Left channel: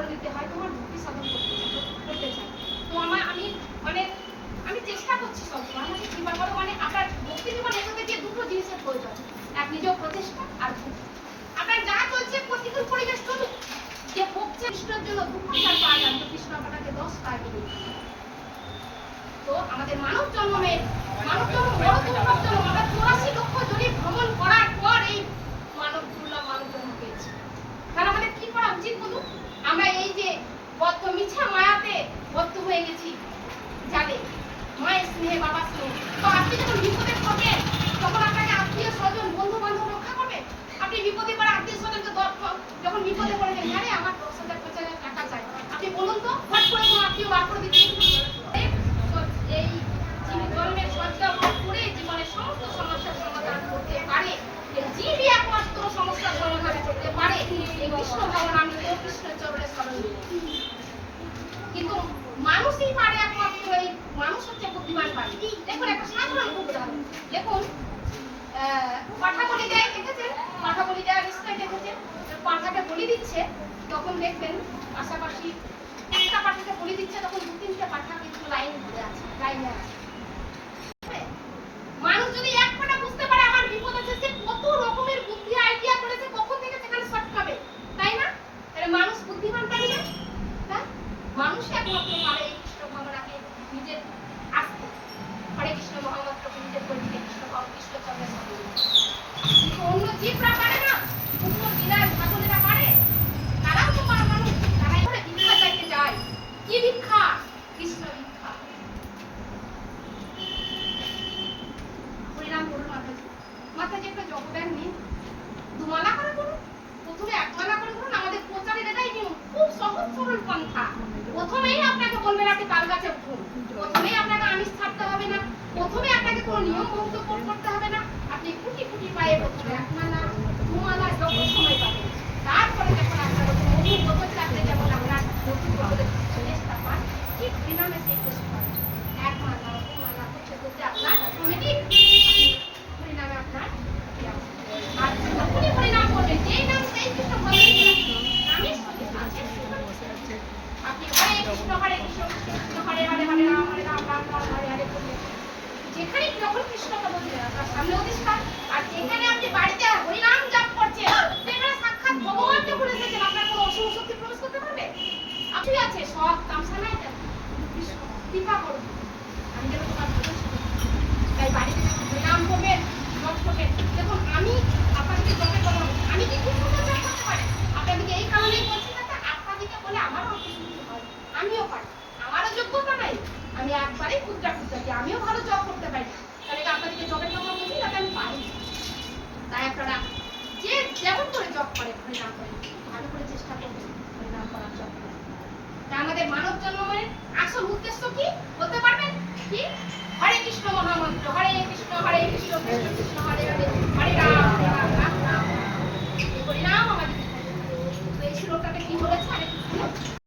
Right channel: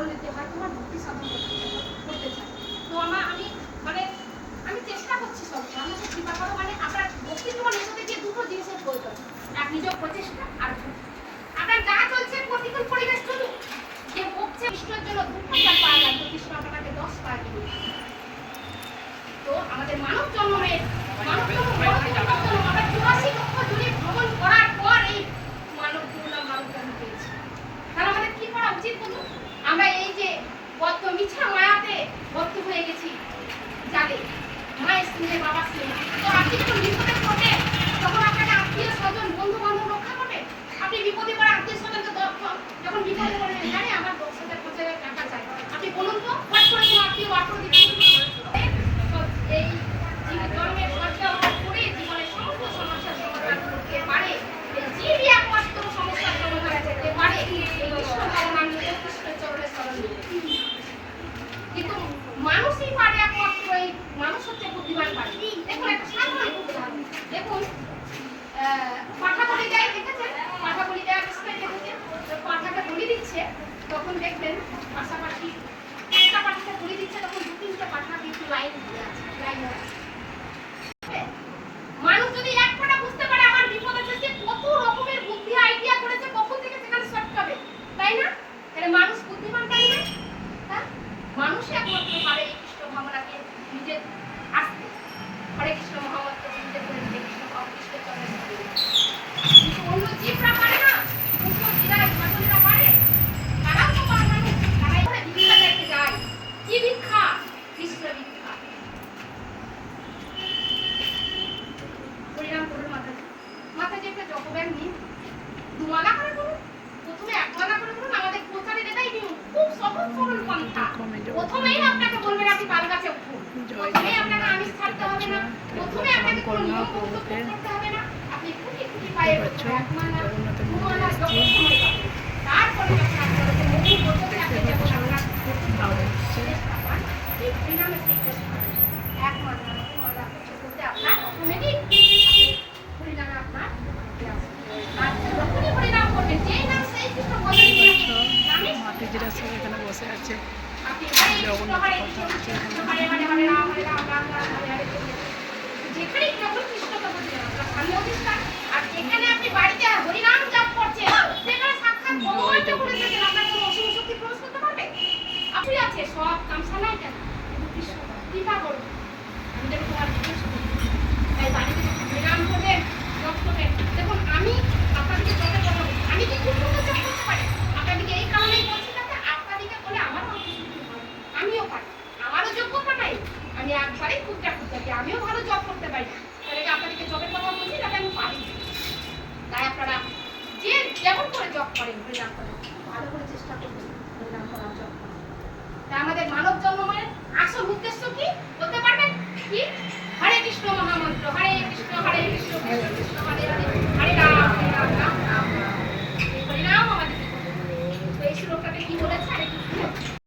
জন্য দিতে হয় তোমার ভক্তি সাধন করতে চাই। তো আমি চেষ্টা করছি সবসময় আমি কৃপা করো মানে আপনার ভক্তি জীবন এসে দিয়ে দুটো জিনিসের প্রয়োজন, এক নিজের প্রচেষ্টা আর ভক্তি। আপনার যা চলছে প্রতিকূল পরিবেশ চলুক, যে ভক্তি কৃষ্ণের জন্য 2 ঘন্টা পায় না কৃষ্ণ আপনাকে 10 বার দিবে। তো আমাদের মানব জন্মের আমরা 84 লক্ষ জনে ভ্রমণ করার পর এই মানব জন্ম পেয়েছি। তাহলে আমাদের কি করা উচিত বলুন? আমরা এই যে বদ্ধ মিছা মায়াতে বদ্ধ হয়ে গেছি, জানে মায়ের স্নেহে বাবার স্নেহে। তো আপনি যখন বিপদে পড়বেন তখন আপনাকে আত্মীয় স্বজন বন্ধু বান্ধব রক্ষা করবে। আপনি বিপদে পড়ে আত্মীয় স্বজনকে যখন বিপদে পড়বেন হ্যাঁ রে আমার 10,000 টাকা চাই, আপনি বলুন তো হট করে কোনো আত্মীয় বার করে দিচ্ছেন? এই জন্মের সজ্জা করে জীবনের সমস্ত সমস্যার সমাধান করতে পারে, জীবই একমাত্র সমস্যার সমাধান করতে পারে এই কৃষ্ণ ভগবান কৃষ্ণের চরণে স্মরণ। কিন্তু মানুষই পারে একমাত্র, এই মানুষ হচ্ছে বুদ্ধিমান পারে। দেখুন একটা সাধারণ উদাহরণ দেখুন, পাঠা বলি যায় দেখেছেন, পাঠা বলি যায় বিস্তারিত দেখেছেন, পাঠাকে বলি দিচ্ছে তখন দেখবেন পাশাপাশি একটা পাঠাকে বলি দিচ্ছে তখন 2-3টে পাঠা কিন্তু লাইন হয়ে আছে, লাইন হয়ে আছে। মানুষ যদি এক পাটা বুঝতে পারে আমার বিপদ আছে, সে কত রকমের বুদ্ধি আইডিয়া করেছে কখন থেকে সেখানে শর্ট খাবে, তাই না? তাহলে মানুষ বুদ্ধিমান পারে না, হ্যাঁ? মানুষ একমাত্র পারে এই কৃষ্ণ ভাবনাকে নিজের আসতে, হরে কৃষ্ণ মহামন্ত্র নিজের করে নিজে কৃষ্ণ কৃষ্ণ চরণে স্মরণ। কিন্তু অন্য জীবরা পারে না, অন্য বিরাট ছাগলেরা পারে, তারাও তো পারে মানুষ, তারাই করে ভিক্ষা চাইতে যায়। কি ভিক্ষা? কৃষ্ণ ভিক্ষা। পরিণাম করুন মাতাজি একটা জপব্যাগ নিন, 2 মালা করে করুন, প্রথমে 1 মালা করে করুন। আমাদের প্রচারের এটাই নিয়ম, খুব সহজ সরল পন্থা। প্রথমেই আপনাকে বলবেন আপনি তাল গাছে উঠুন, প্রথমেই আপনাকে আমিষ ছাড়তে হবে না, প্রথমে আপনাকে কোনো নিয়ম করতে হবে না। আপনি খুঁটি খুঁটি পায়ে 1 মালা 2 মালা যত সময় পাবেন, তারপরে যখন আপনার মধুর বছর থাকবে যেমন আপনার চেষ্টা পান, ঠিক পরিণামে সেই চেষ্টা 1 মালা 2 মালা করতে করতে আপনার অটোমেটিক পরিণামে আপনার আর যখনই পরিণাম করবেন যেই নাম সেই কৃষ্ণ বসে আছে আপনি হরে কৃষ্ণ হরে কৃষ্ণ কৃষ্ণ হরে হরে হরে রাম রাম রাম হরে হরে। যেখানে যখন কৃষ্ণকে বলছেন আপনার সামনেও কৃষ্ণ, আর যেখানে আপনি বাড়িতে হরিনাম জপ করছেন সেখানে সাক্ষাৎ ভগবান যখন এসেছেন আপনার কোনো অসুখ শক্তি প্রবেশ করতে পারবে? আপনি আছে সব তামসা নাই কেন? কৃষ্ণ কৃপা করুন আমি যেন তোমার যথেষ্ট, তাই বাড়িতে হরিনাম করবেন জপ করবেন। দেখুন আমি আপনাদেরকে জপে বলবো, আমি কি খুব সুন্দর জপ করতে পারি? আপনাদেরকে এই কারণেই বলছি যাতে আপনাদেরকে বলে আমারও আমিও পারি, আমারও যোগ্যতা নাই, আমি একবারেই খুঁজটা খুঁজতে আমিও ভালো জব করতে পারি। তাহলে আপনাদেরকে জবের কথা বলছি যাতে আমি পারি, তাই আপনারা যে যেমন করে জব করেন হরিনাম করেন ভালো করে চেষ্টা করবেন হরিনাম করার জব করার। তাই আমাদের মানব জন্মের আসল উদ্দেশ্য কি বলতে পারবেন? কি? হরে কৃষ্ণ মহামন্ত্র, হরে কৃষ্ণ কৃষ্ণ কৃষ্ণ হরে হরে হরে রাম রাম রাম রাম হরিনাম আমাদের। তো এই শ্লোকটাতে কি বলেছে?